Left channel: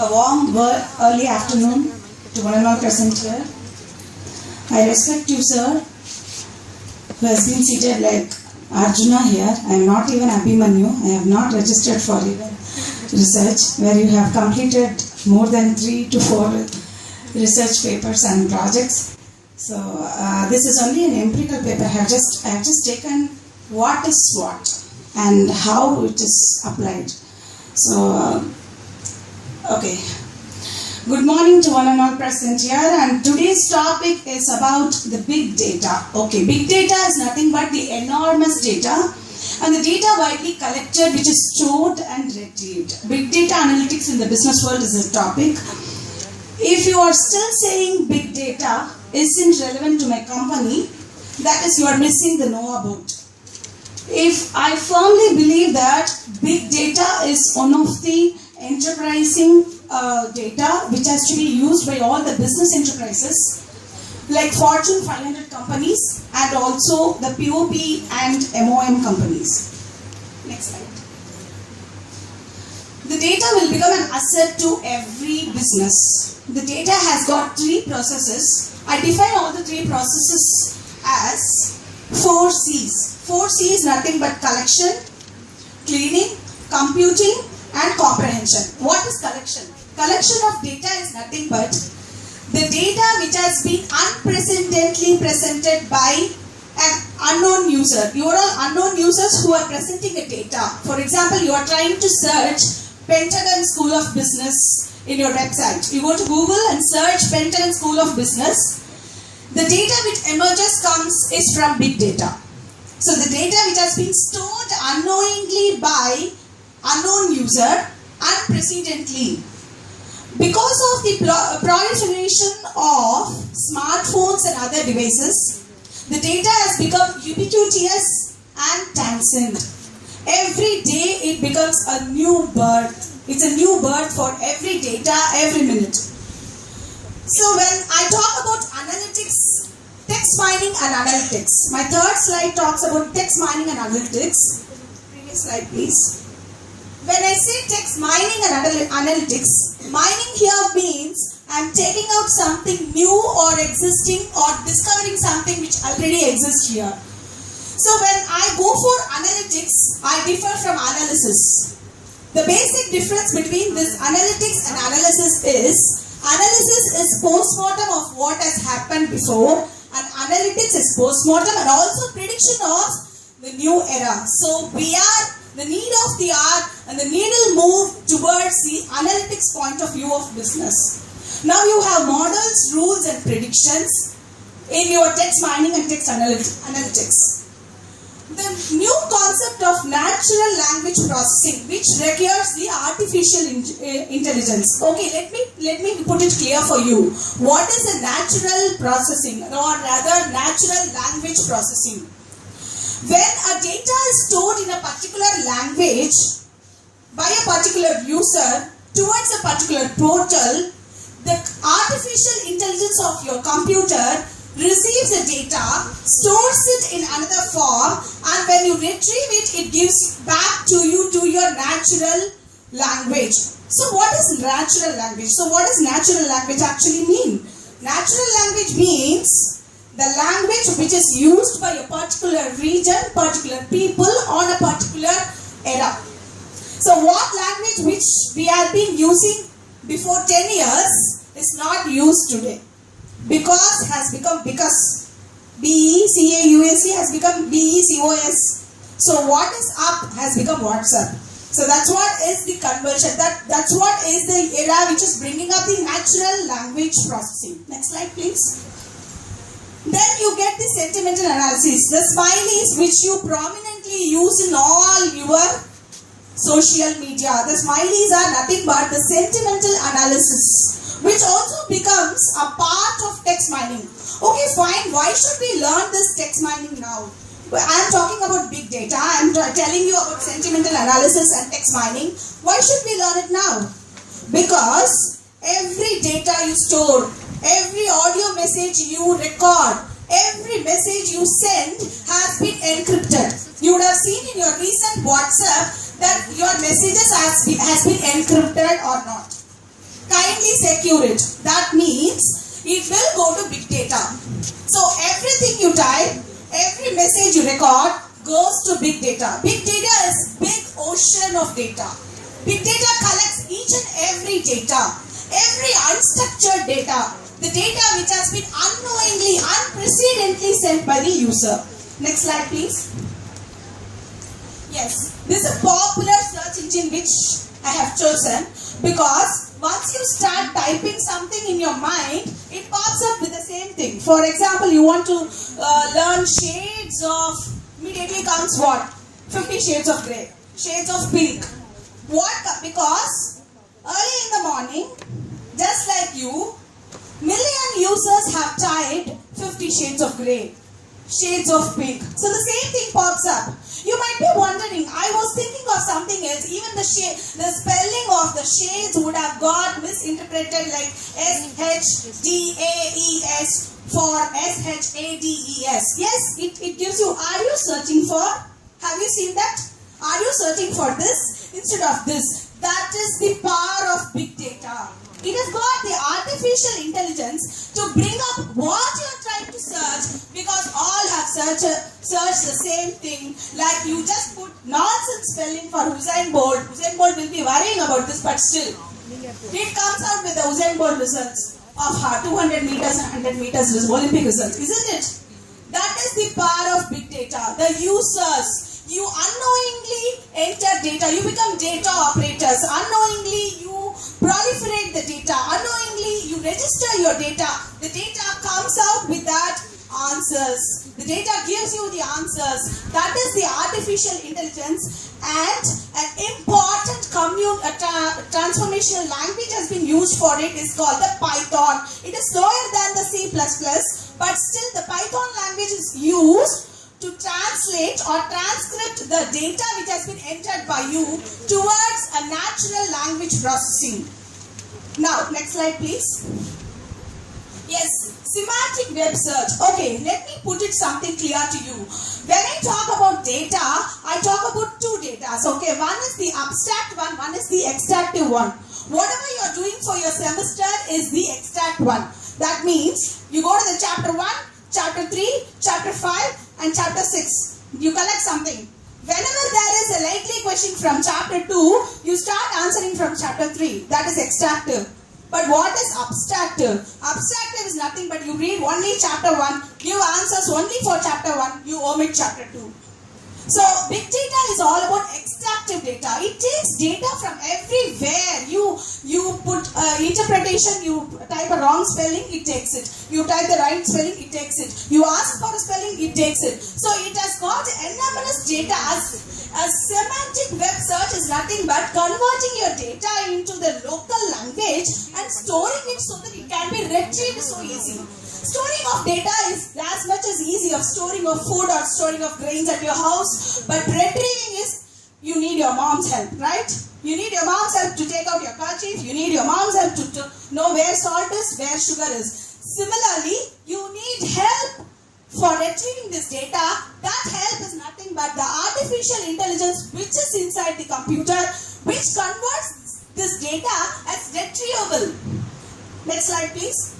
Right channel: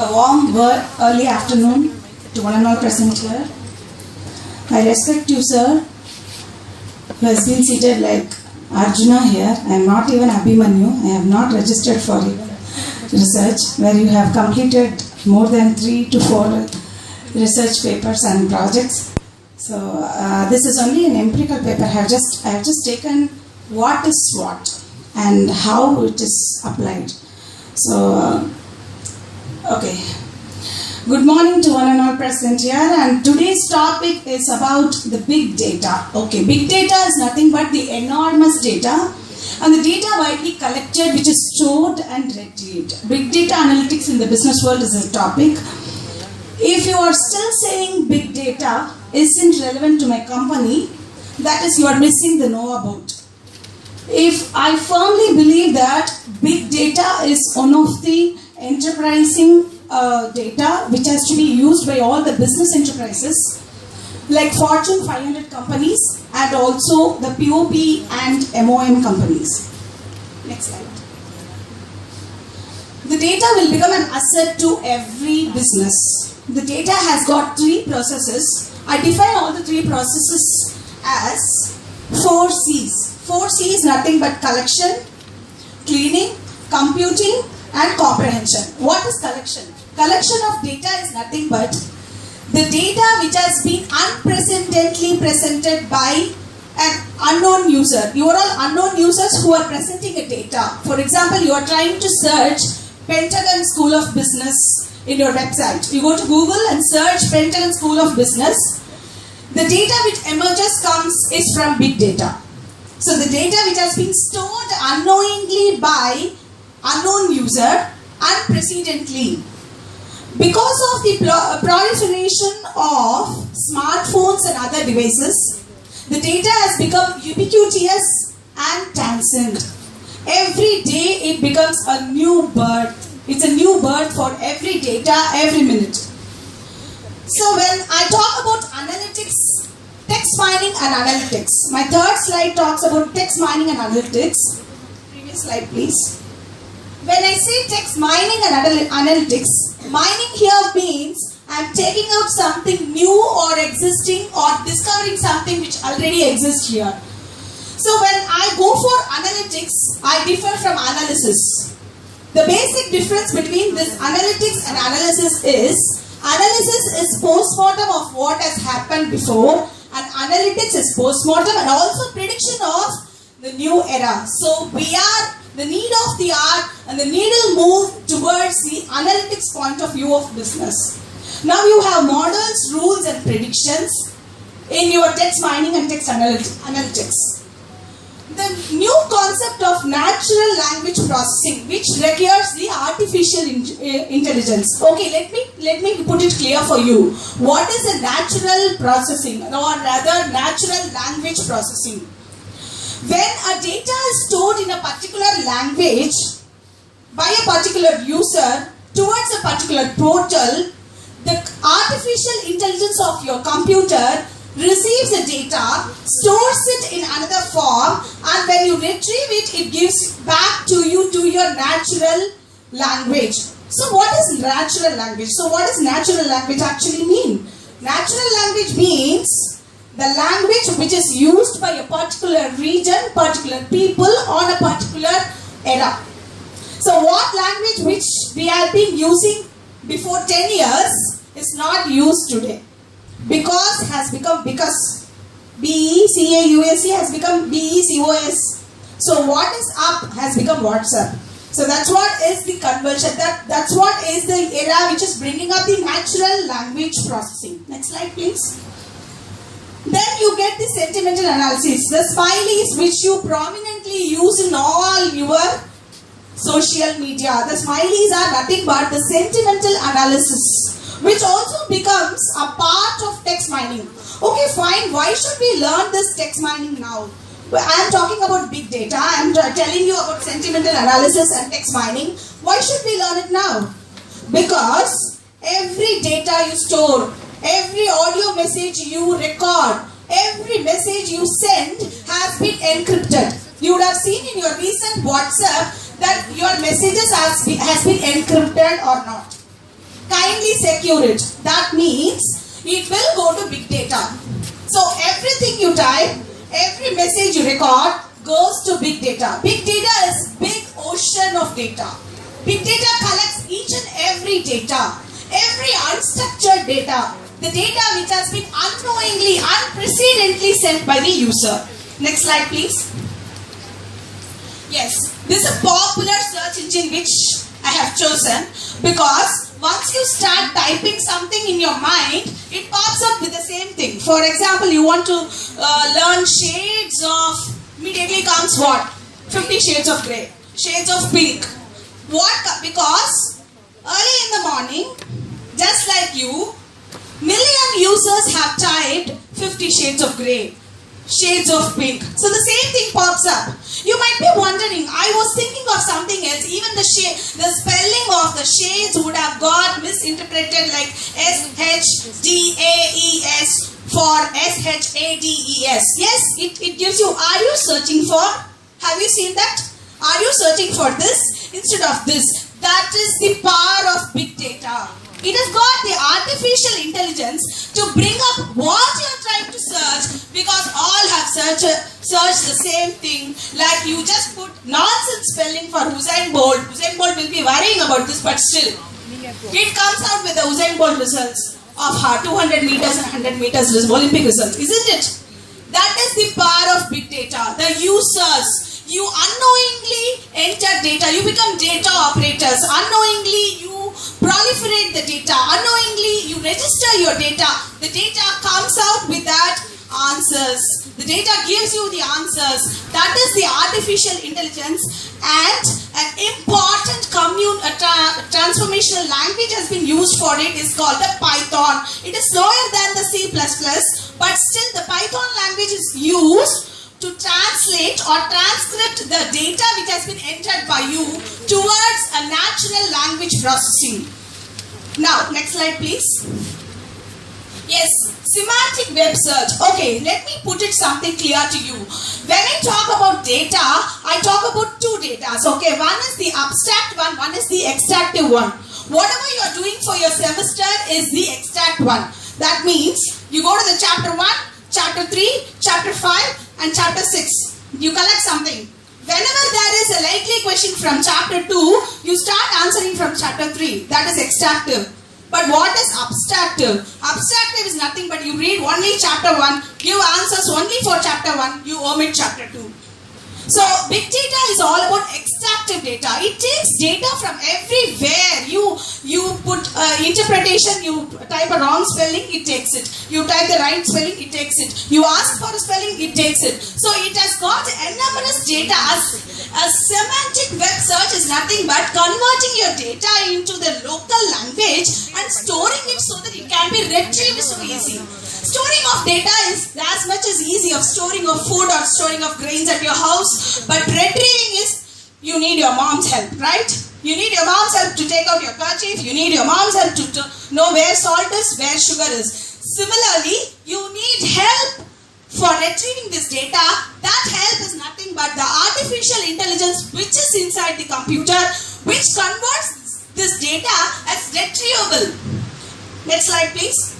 A warm early afternoon to one and all present here. I respect you, sir, who has been seated like Arjuna here. I am not even Abhimanyu. I have not registered for even research, where you have completed more than 3 to 4 research papers and projects. So this is only an empirical paper. I have just taken what is what and how it is applied. So okay. Good morning to one and all present here, and today's topic is about the big data. Okay, big data is nothing but the enormous data and the data widely collected which is stored and retrieved. Big data analytics in the business world is a topic. If you are still saying big data isn't relevant to my company, that is, you are missing the Noah boat. If I firmly believe that big data is one of the enterprising data which has to be used by all the business enterprises like Fortune 500 companies and also the POP and MOM companies. Next slide. The data will become an asset to every business. The data has got 3 processes. I define all the 3 processes as 4 C's. 4 C's nothing but collection, cleaning, computing and comprehension. What is collection? Collection of data is nothing but the data which has been unprecedentedly presented by an unknown user. You are all unknown users who are presenting a data. For example, you are trying to search Pentagon School of Business in your website. You go to Google and search Pentagon School of Business. The data which emerges is from big data. So the data which has been stored unknowingly by unknown user unprecedentedly. Because of the proliferation of smartphones and other devices, the data has become ubiquitous and transient. Every day it becomes a new birth. It's a new birth for every data, every minute. So when I talk about analytics, text mining and analytics, my third slide talks about text mining and analytics. Previous slide please. When I say text mining and analytics, mining here means I am taking out something new or existing or discovering something which already exists here. So when I go for analytics, I differ from analysis. The basic difference between this analytics and analysis is post-mortem of what has happened before, and analytics is post-mortem and also prediction of the new era. So we are the need of the hour and the needle move towards the analytics point of view of business. Now you have models, rules and predictions in your text mining and text analytics. The new concept of natural language processing which requires the artificial intelligence. Okay, let me put it clear for you. What is a natural processing or rather natural language processing? When a data is stored in a particular language by a particular user towards a particular portal, the artificial intelligence of your computer receives the data, stores it in another form, and when you retrieve it, it gives back to you to your natural language. So what is natural language? So what does natural language actually mean? Natural language means the language which is used by a particular region, particular people on a particular era. So what language which we have been using before 10 years is not used today. Because has become BECAUSE has become BECOS. So what is up has become WhatsApp. So that's what is the conversion. That's what is the era which is bringing up the natural language processing. Next slide please. Then you get the sentimental analysis, the smileys which you prominently use in all your social media. The smileys are nothing but the sentimental analysis, which also becomes a part of text mining. Okay, fine. Why should we learn this text mining now? I am talking about big data. I am telling you about sentimental analysis and text mining. Why should we learn it now? Because every data you store, every audio message you record, every message you send has been encrypted. You would have seen in your recent WhatsApp that your messages has been encrypted or not. blindly secure it. That means it will go to big data. So everything you type, every message you record goes to big data. Big data is big ocean of data. Big data collects each and every data, every unstructured data, the data which has been unknowingly, unprecedentedly sent by the user. Next slide, please. Yes, this is a popular search engine which I have chosen because once you start typing something in your mind, it pops up with the same thing. For example, you want to learn shades of, immediately comes what? 50 shades of grey, shades of pink. What? Because early in the morning, just like you, million users have typed 50 shades of grey, shades of pink. So the same thing pops up. You might be wondering, I was thinking of something else. Even the spelling of the shades would have got misinterpreted like S-H-D-A-E-S for S-H-A-D-E-S. Yes, it gives you, are you searching for? Have you seen that? Are you searching for this instead of this? That is the power of big data. It has got the artificial intelligence to bring up what you are trying to search because all have searched the same thing. Like you just put nonsense spelling for Usain Bolt. Usain Bolt will be worrying about this, but still it comes out with the Usain Bolt results of 200 meters and 100 meters Olympic results, isn't it? That is the power of big data. The users. You unknowingly enter data. You become data operators. Unknowingly you proliferate the data. Unknowingly you register your data. The data comes out with that answers. The data gives you the answers. That is the artificial intelligence, and an important transformational language has been used for it. Is called the Python. It is slower than the C++, but still the Python language is used to translate or transcript the data which has been entered by you towards a natural language processing. Now, next slide please. Yes, semantic web search. Okay, let me put it something clear to you. When I talk about data, I talk about two datas. Okay, one is the abstract one is the extractive one. Whatever you are doing for your semester is the extract one. That means you go to the chapter 1, chapter 3, chapter 5 and chapter 6. You collect something. Whenever there is a likely question from chapter 2, you start answering from chapter 3. That is extractive. But what is abstractive? Abstractive is nothing but you read only chapter 1, give answers only for chapter 1, you omit chapter 2. So big data is all about extractive data. It takes data from everywhere. You put interpretation, you type a wrong spelling, it takes it. You type the right spelling, it takes it. You ask for a spelling, it takes it. So it has got enormous data. A semantic web search is nothing but converting your data into the local language and storing it so that it can be retrieved so easy. Storing of data is as much as easy of storing of food or storing of grains at your house, but retrieving is, you need your mom's help, right? You need your mom's help to take out your kerchief, you need your mom's help to know where salt is, where sugar is. Similarly, you need help for retrieving this data. That help is nothing but the artificial intelligence which is inside the computer, which converts this data as retrievable. Next slide please.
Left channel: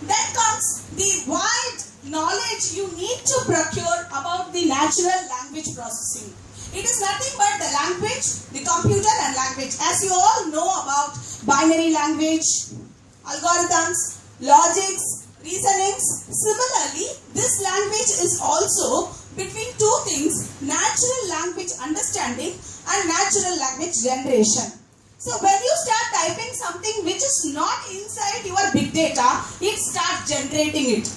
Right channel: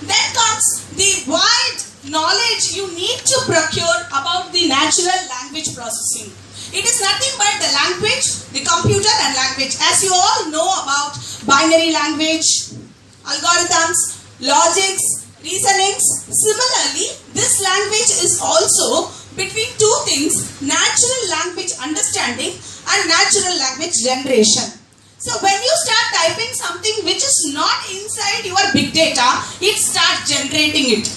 Then comes the wide knowledge you need to procure about the natural language processing. It is nothing but the language, the computer and language. As you all know about binary language, algorithms, logics, reasonings. Similarly, this language is also between two things, natural language understanding and natural language generation. So when you start typing something which is not inside your big data, it starts generating it.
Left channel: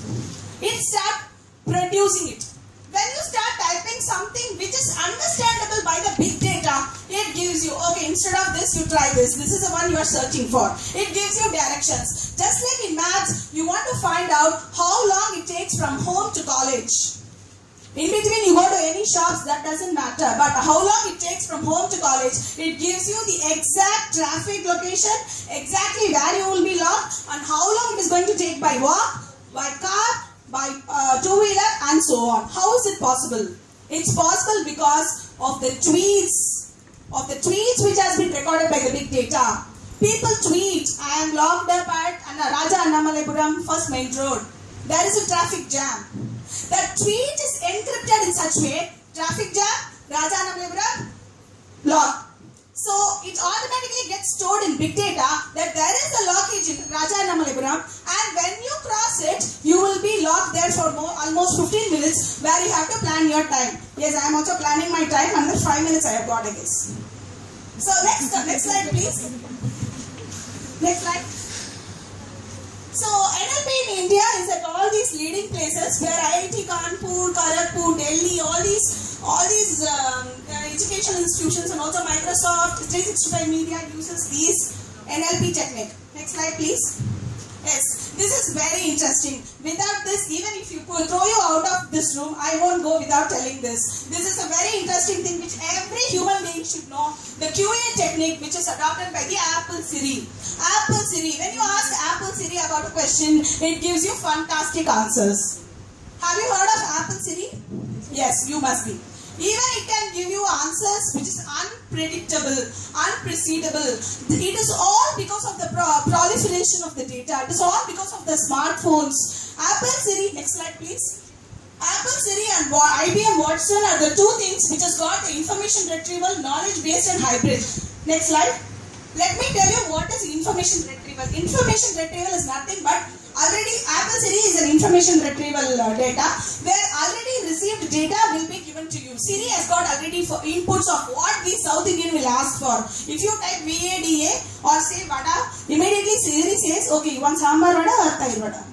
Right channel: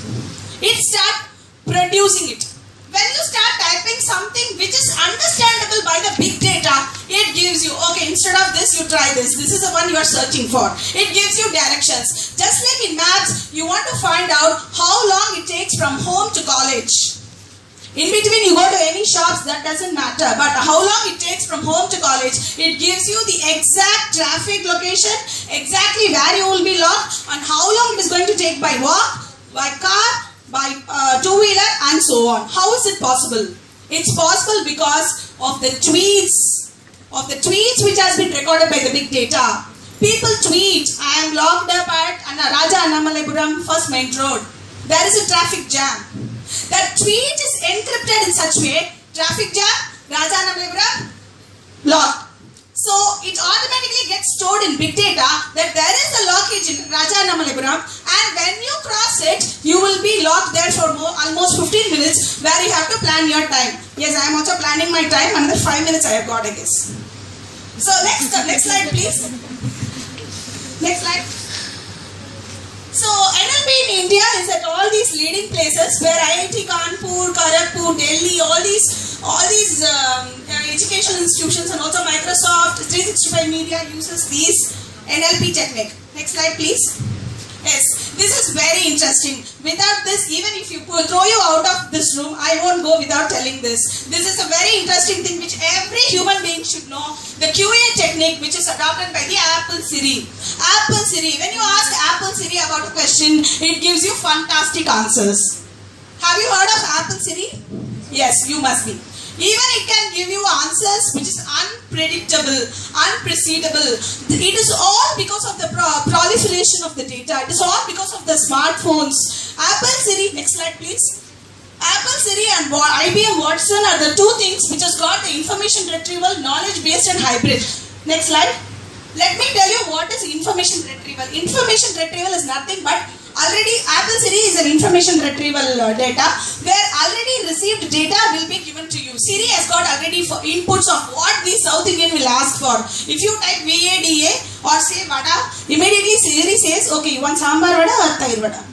It starts producing it. When you start typing something which is understandable by the big data, it gives you, okay, instead of this, you try this. This is the one you are searching for. It gives you directions. Just like in maths, you want to find out how long it takes from home to college. In between, you go to any shops, that doesn't matter. But how long it takes from home to college, it gives you the exact traffic location, exactly where you will be locked, and how long it is going to take by walk, by car, by two-wheeler, and so on. How is it possible? It's possible because of the tweets which has been recorded by the big data. People tweet, I am locked up at Raja Annamalapuram First Main Road. There is a traffic jam. That tweet is encrypted in such way, traffic jam, Raja Annamalapuram, locked. So it automatically gets stored in big data that there is a lockage in Raja Annamalapuram, and when you cross it, you will be locked there for almost 15 minutes where you have to plan your time. Yes, I am also planning my time. Another 5 minutes I have got, I guess. So next slide please. Next slide. So NLP in India is at all these leading places where IIT Kanpur, Kharagpur, Delhi, all these educational institutions, and also Microsoft 365 Media uses these NLP technique. Next slide please. Yes, this is very interesting. Without this, even if you throw you out of this room, I won't go without telling this. This is a very interesting thing which every human being should know. The QA technique which is adopted by the Apple Siri. Apple Siri, when you ask Apple Siri about a question, it gives you fantastic answers. Have you heard of Apple Siri? Yes, you must be. Even it can give you answers which is unpredictable, unpredictable. It is all because of the proliferation of the data. It is all because of the smartphones. Apple Siri, next slide please. Apple Siri and IBM Watson are the two things which has got the information retrieval, knowledge based and hybrid. Next slide. Let me tell you what is information retrieval. Information retrieval is nothing but already Apple Siri is an information retrieval data where already received data will be given to you. Siri has got already inputs of what the South Indian will ask for. If you type VADA or say vada, immediately Siri says, okay, you want sambar vada or tair vada.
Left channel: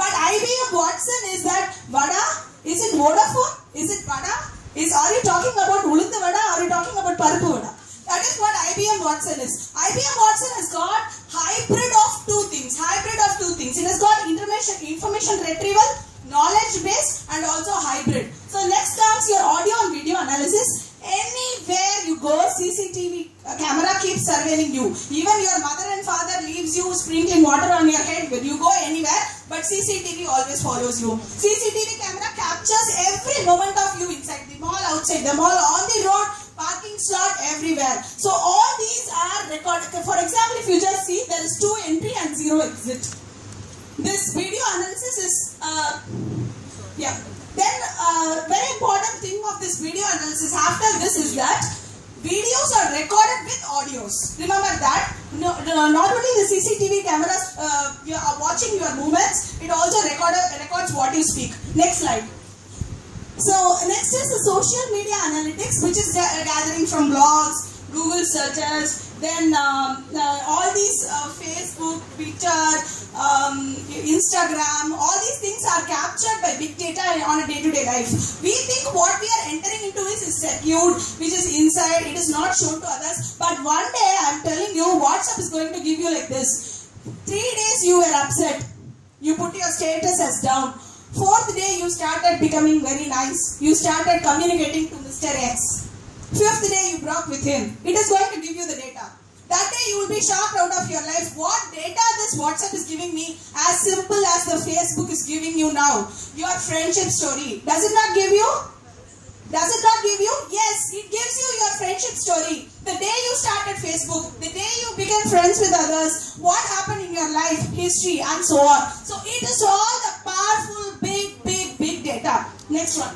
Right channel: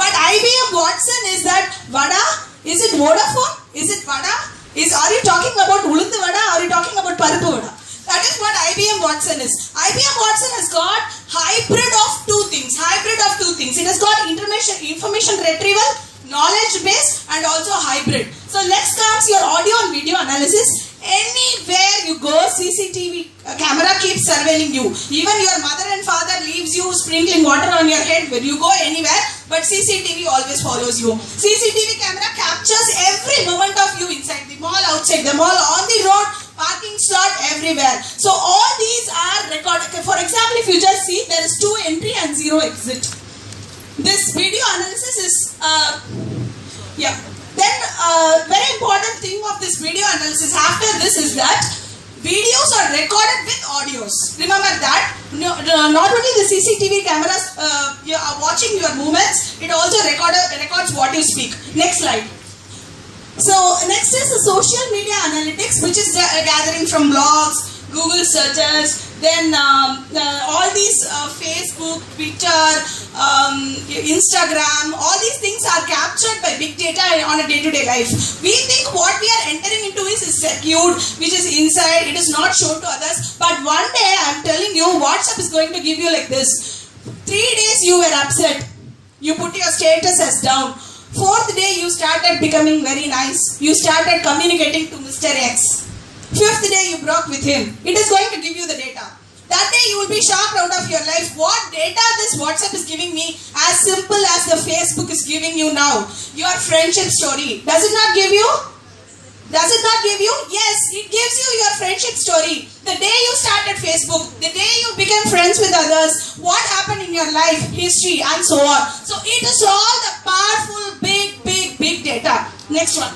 But IBM Watson is that vada, is it Vodafone? Is it vada? Are you talking about ulundu vada or are you talking about paruppu vada? That is what IBM Watson is. IBM Watson has got hybrid of two things. It has got information retrieval, knowledge base, and also hybrid. So next comes your audio and video analysis. Anywhere you go, CCTV camera keeps surveilling you. Even your mother and father leaves you sprinkling water on your head when you go anywhere, but CCTV always follows you. CCTV camera captures every moment of you inside the mall, outside the mall, on the road, parking slot, everywhere. So all these are recorded. For example, if you just see, there is 2 entry and 0 exit. This video analysis is, Then very important thing of this video analysis after this is that videos are recorded with audios. Remember that. Not only the CCTV cameras you are watching your movements, it also records what you speak. Next slide. So next is the social media analytics, which is gathering from blogs, Google searches, then all these Facebook, Twitter, Instagram, all these things are captured by big data on a day-to-day life. We think what we are entering into is secured, which is inside, it is not shown to others. But one day, I am telling you, WhatsApp is going to give you like this. 3 days you were upset, you put your status as down. 4th day you started becoming very nice. You started communicating to Mr. X. 5th day you broke with him. It is going to give you the data. That day you will be shocked out of your life. What data this WhatsApp is giving me, as simple as the Facebook is giving you now. Your friendship story. Does it not give you? Does it not give you? Yes, it gives you your friendship story. The day you started Facebook, the day you became friends with others, what happened in your life, history, and so on. So it is all the powerful, big data. Next one.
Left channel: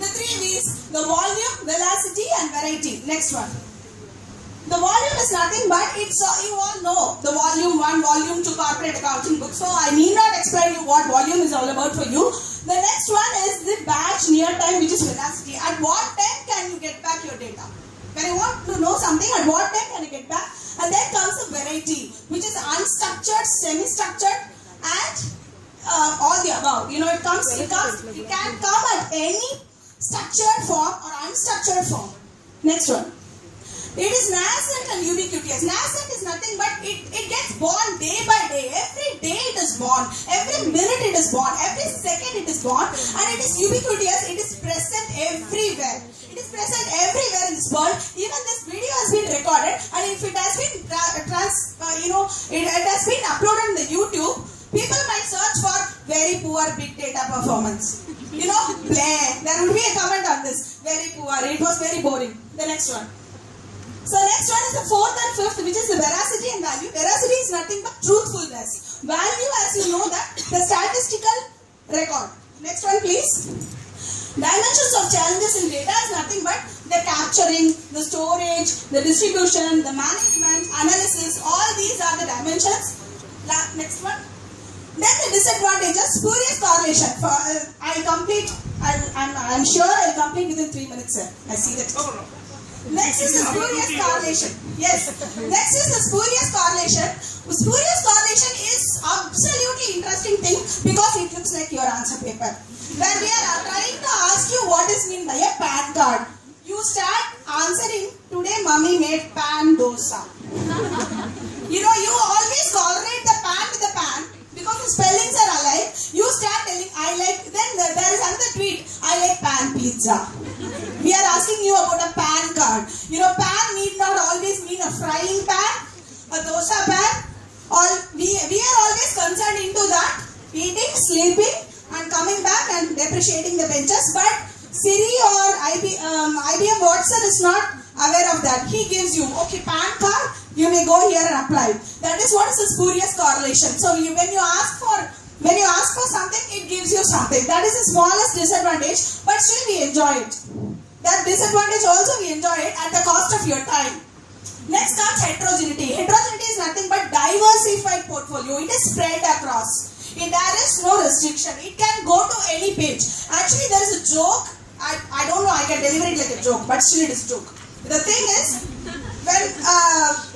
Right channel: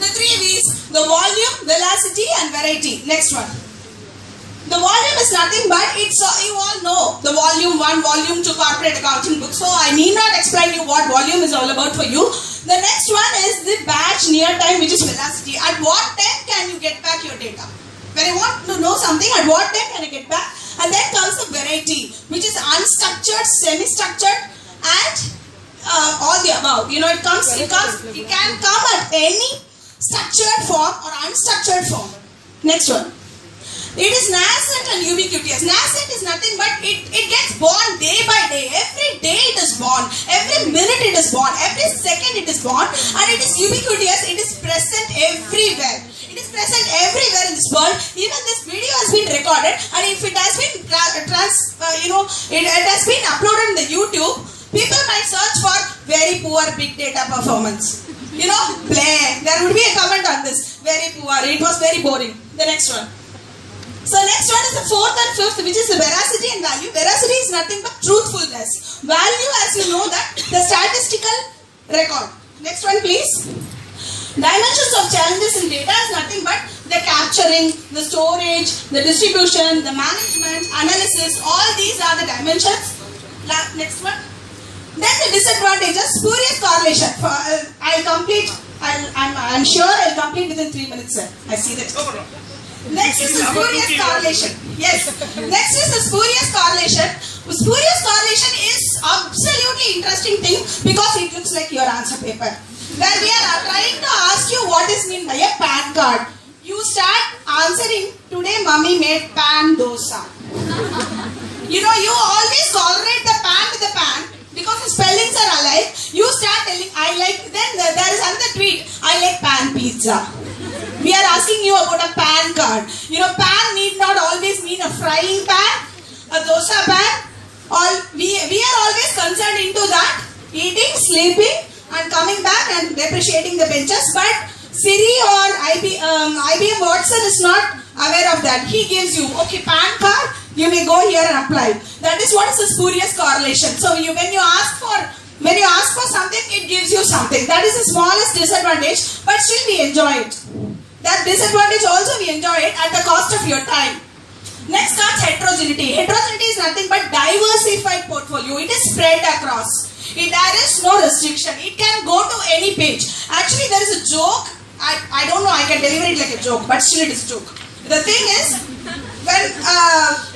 The 3 V's, the volume, velocity, and variety. Next one. The volume is nothing but it's, you all know, the volume 1, volume 2 corporate accounting book. So I need not explain you what volume is all about for you. The next one is the batch near time, which is velocity. At what time can you get back your data? When I want to know something, at what time can I get back? And then comes the variety, which is unstructured, semi-structured, and all the above. You know, it can come at any structured form or unstructured form. Next one. It is nascent and ubiquitous. Nascent is nothing but it gets born day by day. Every day it is born. Every minute it is born. Every second it is born. And it is ubiquitous. It is present everywhere. It is present everywhere in this world. Even this video has been recorded, and if it has been it has been uploaded in the YouTube, people might search for very poor big data performance. You know, play. There would be a comment on this. Very poor. It was very boring. The next one. So next one is the fourth and fifth, which is the veracity and value. Veracity is nothing but truthfulness. Value, as you know, that the statistical record. Next one, please. Dimensions of challenges in data is nothing but the capturing, the storage, the distribution, the management, analysis. All these are the dimensions. Next one. Then the disadvantages, spurious correlation. I'm sure I'll complete within 3 minutes, sir. I see that. Next is the spurious correlation. Yes. Next is the spurious correlation. Spurious correlation is absolutely interesting thing because it looks like your answer paper. Where we are trying to ask you what is meant by a PAN card. You start answering, today mommy made pan dosa. You know, you always correlate the pan with the pan because the spellings are alike. You start telling, I like, then there is another tweet, I like pan pizza. We are asking you about a PAN card. You know, pan need not always mean a frying pan, a dosa pan. We are always concerned into that, eating, sleeping, and coming back and depreciating the benches. But Siri or IBM Watson is not aware of that. He gives you, okay, PAN card, you may go here and apply. That is what is the spurious correlation. So when you ask for something, it gives you something. That is the smallest disadvantage, but still we enjoy it. That disadvantage also we enjoy it at the cost of your time. Next comes heterogeneity. Heterogeneity is nothing but diversified portfolio. It is spread across. There is no restriction. It can go to any page. Actually, there is a joke. I don't know, I can deliver it like a joke, but still it is a joke. The thing is, when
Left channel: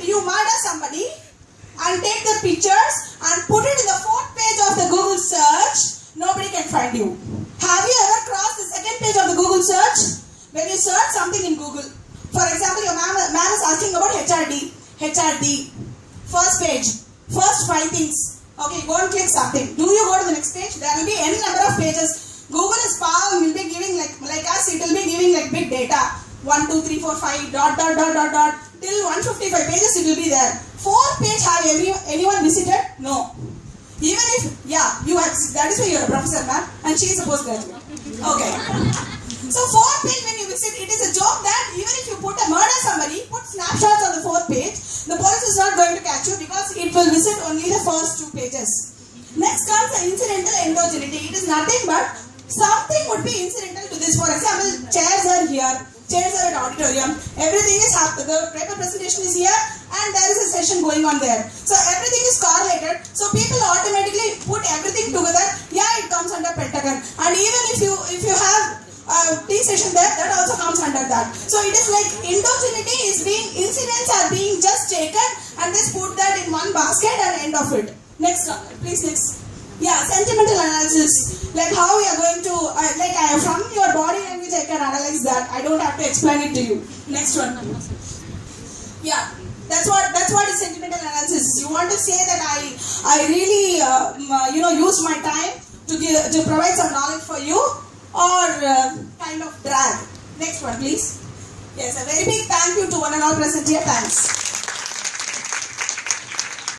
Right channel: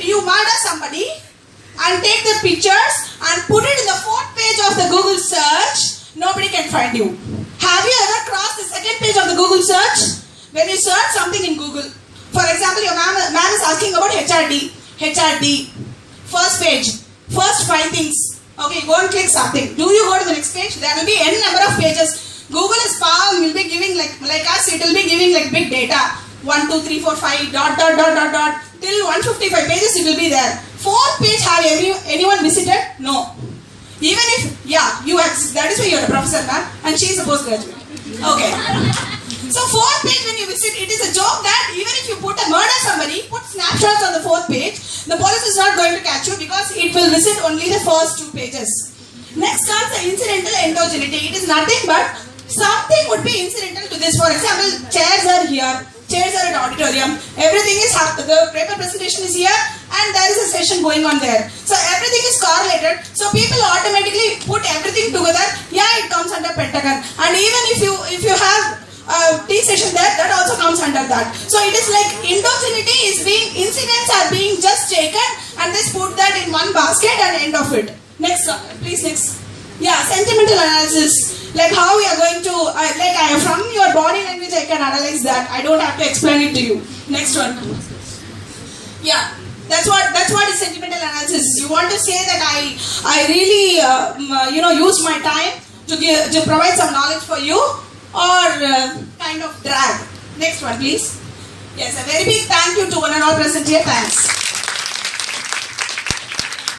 you murder somebody and take the pictures and put it in the 4th page of the Google search, nobody can find you. Have you ever crossed the 2nd page of the Google search? When you search something in Google, for example, your man is asking about HRD, first page, first 5 things. Okay, go and click something. Do you go to the next page? There will be n number of pages. Google is power, will be giving like us, it will be giving like big data. 1, 2, 3, 4, 5, dot, till 155 pages it will be there. 4th page, have anyone visited? No. Even if, yeah, you have, that is why you are a professor, ma'am, and she is a postgraduate. Okay. So 4th page when you visit, it is a joke that even if you murder somebody, put snapshots on the 4th page, the police is not going to catch you because it will visit only the first 2 pages. Next comes the incidental endogeneity. It is nothing but something would be incidental to this. For example, chairs are here, chairs are at auditorium, everything is happening, the paper presentation is here and there is a session going on there. So everything is correlated. So people automatically put everything together. Yeah, it comes under Pentagon. And even if you have tea session there, that also comes under that. So it is like endogeneity is incidents are being just taken and just put that in one basket and end of it. Next, please next. Yeah, sentimental analysis. Like how we are going to, from your body language I can analyze that. I don't have to explain it to you. Next one. Yeah. That's what is sentimental analysis. You want to say that I really used my time to provide some knowledge for you, or kind of drag. Next one, please. Yes, a very big thank you to one and all present here. Thanks.